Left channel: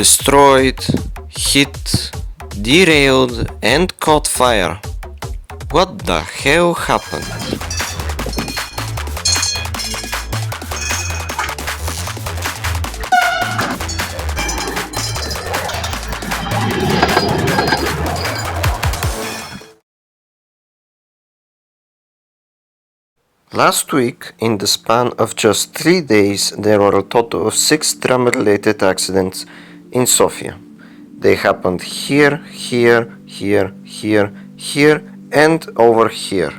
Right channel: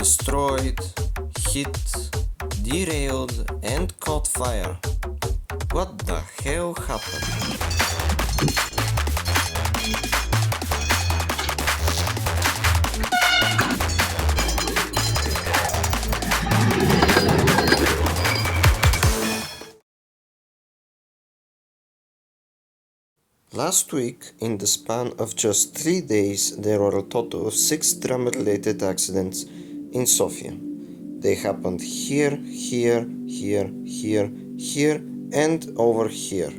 destroyed, hit, derailed and caught fire. What the hell happened? Last week, in the span of just 3 days, there were a total of 6 tram-related accidents in Sofia. They happened here, here, here, here, here, and over here.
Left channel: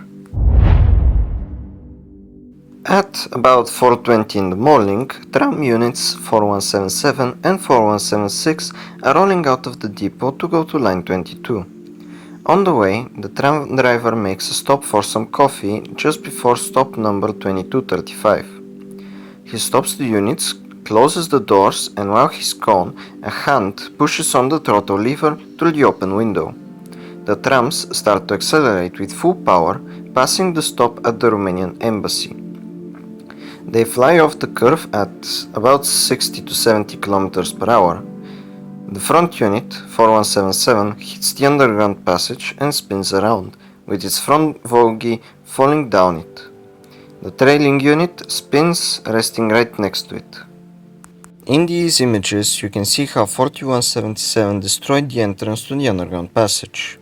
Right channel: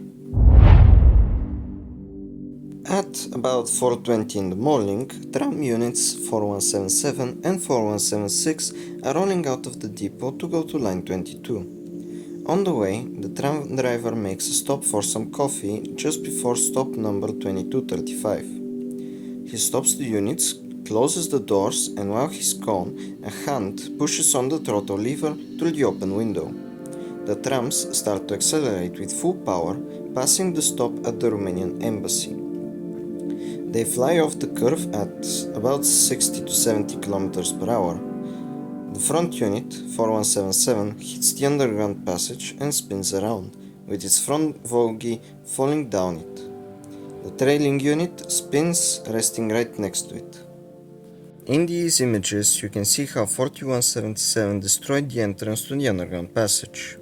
At about 4:20 in the morning, tram units 4177 and 4176 are rolling out of the depot to go to line 22. On the way, the tram driver makes a stop for some coffee just before stop number 2235. He stops the units, closes the doors, and while he's gone, a hand pushes on the throttle lever through the open window. The trams start to accelerate with full power, passing the stop at the Romanian embassy. They fly off the curve at about 60 to 70 km per hour. The front unit, 4177, hits the underground passage and spins around, with its front bogie falling down it. The trailing unit spins, resting right next to it. In these images, you can see how 4177 destroyed the entrance to the underground passage.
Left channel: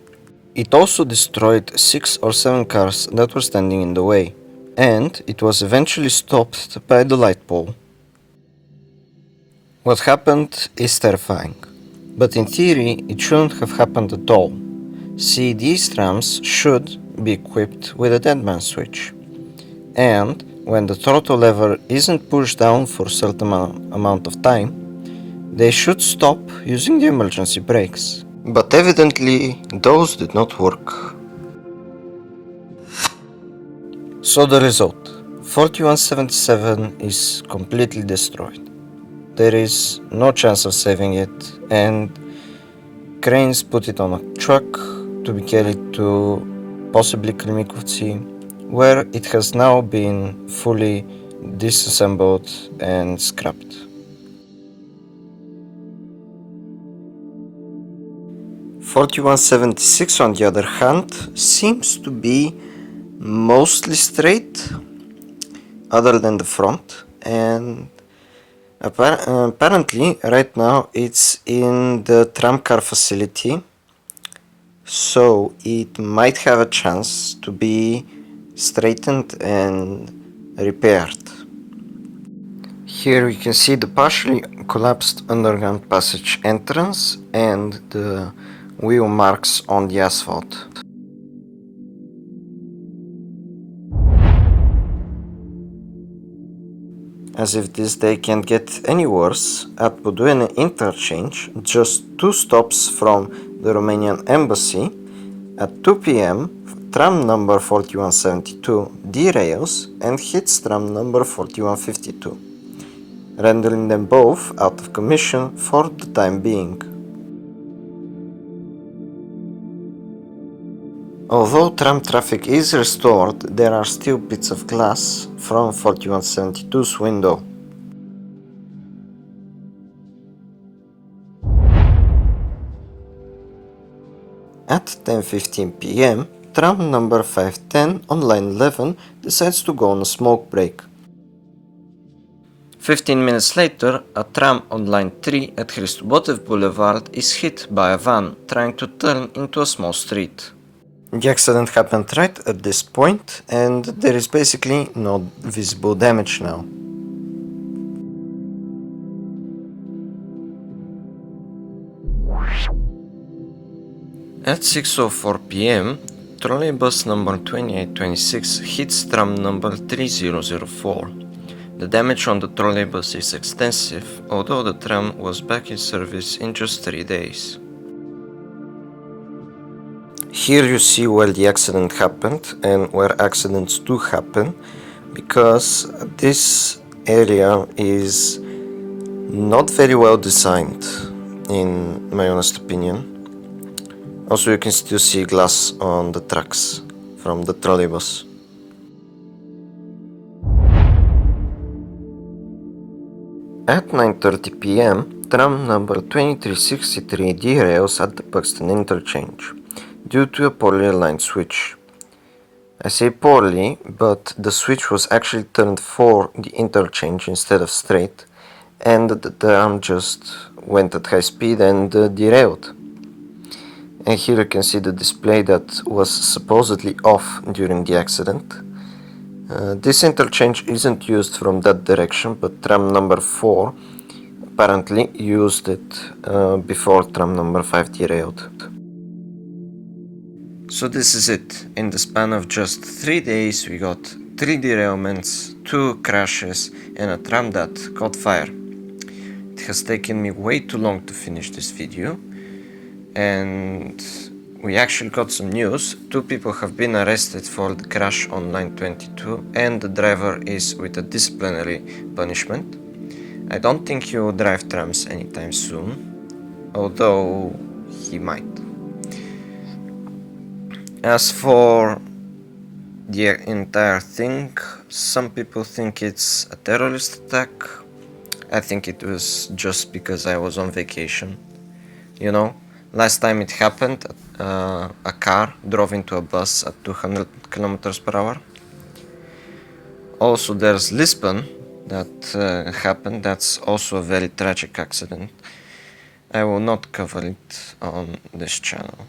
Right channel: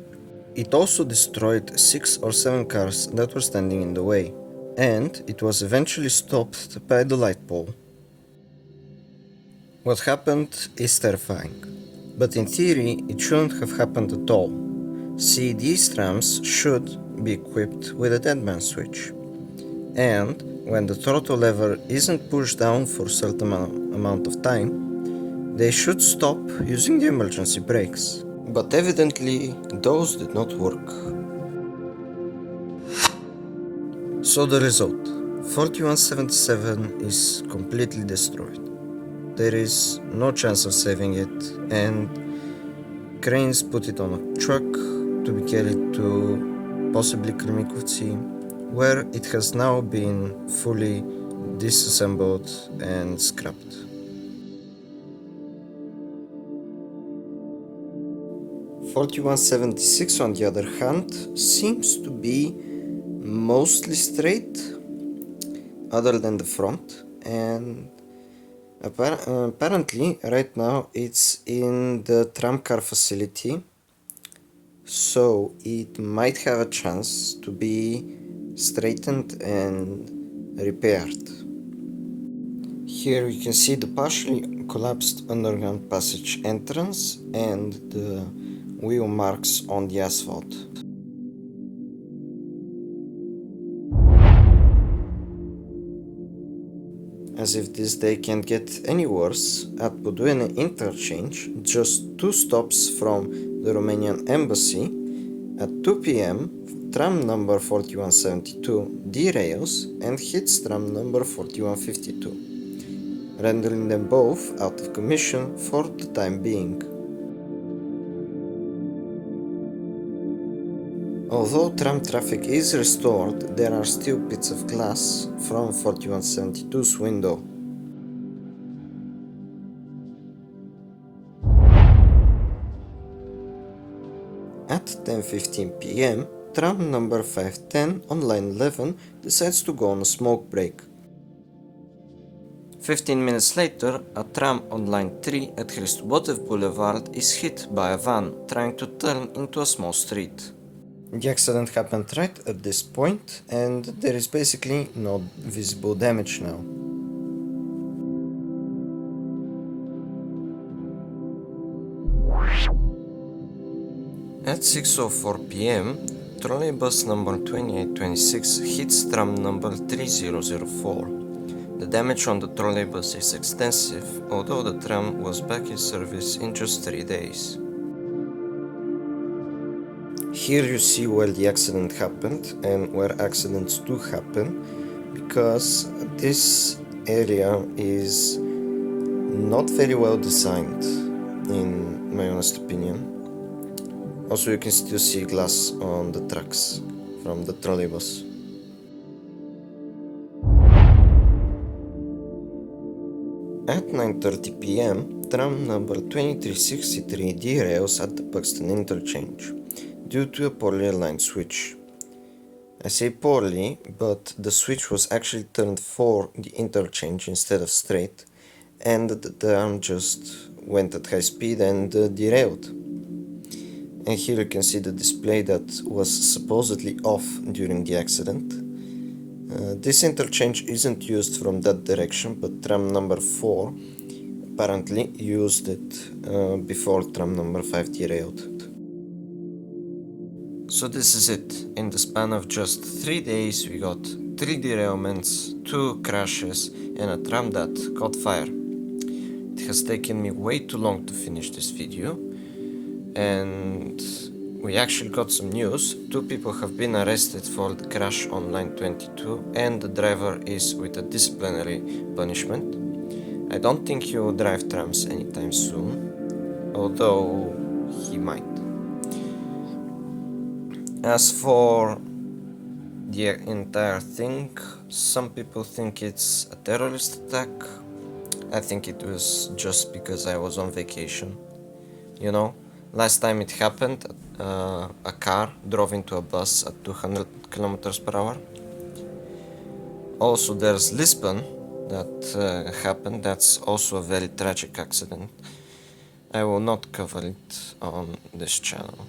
It also destroyed 6 or 7 cars that were standing in the way, and it was eventually stopped by the light pole. What happened is terrifying. But in theory, it shouldn't have happened at all. See, these trams should be equipped with a deadman switch. And when the throttle lever isn't pushed down for a certain amount of time, they should stop using the emergency brakes. But evidently, those did not work. So the result, 4177 is completely destroyed. There is no chance of saving it, and cranes put it on a truck to be carried to possibly Krimikovci, where it has now been fully disassembled and scrapped. (4176) on the other hand seems to be mostly straight, other than the front, and apparently, right now it's in the TRAMKAR facility, so it might have a chance to be straightened and repaired. Here we can see the partially collapsed underground passage entrance and the wheel marks on the asphalt. As if this day can't get any worse, at Budwin interchange, just 2 stops from the Romanian embassy, at 2 p.m. tram number 4172 derails and hits tram number 4152, rendering them both out of commission for the time being. Although tram traffic is restored, there are still bits of glass from 4172's window. At 10:15 p.m., tram number 510 on line 11 decides to go on a smoke break. 15 minutes later, a tram on line 3 at Hristobotev Boulevard is hit by a van trying to turn into a small street. The accident happened right at this point, and there is basically no visible damage now. At 6:04 p.m., Trolleybus number 2826 hits tram number 3004. The damage on the trolleybus is extensive, although the tram was back in service in just 3 days. Here you see where the accident happened and where accidents do happen, because this area is not very well designed, in my honest opinion. Also, you can still see glass on the tracks from the trolleybus. At 9:30 p.m., tram number 2363 derails at the Pton interchange due to a poorly aligned switch. I say poorly, but the switch was actually turned for the interchange instead of straight, and the tram just went at high speed and derailed. And here you can see the display that was supposedly off during the accident. This interchange isn't used from that direction, but tram number 4 apparently used it before tram number 5 derailed. So this is it. In the span of just 3 days we got 3 derailments, 2 crashes and a tram that caught fire. It has taken me way too long to finish this video, and we actually got some news. 2 people have been arrested for the crash on line 22 and the driver is with a disciplinary punishment. I don't think he will drive trams anytime soon, although he might. As for the entire thing, some people think it's a terrorist attack. I think it was just because I was on vacation. You know, last time it happened, a car drove into a bus at 200 kilometers per hour. Also, there's Lisbon that happened. That's also a very tragic accident. I will not cover it on this channel.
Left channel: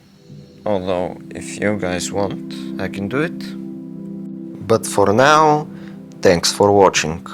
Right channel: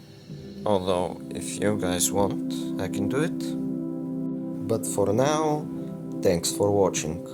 Although, if you guys want, I can do it. But for now, thanks for watching.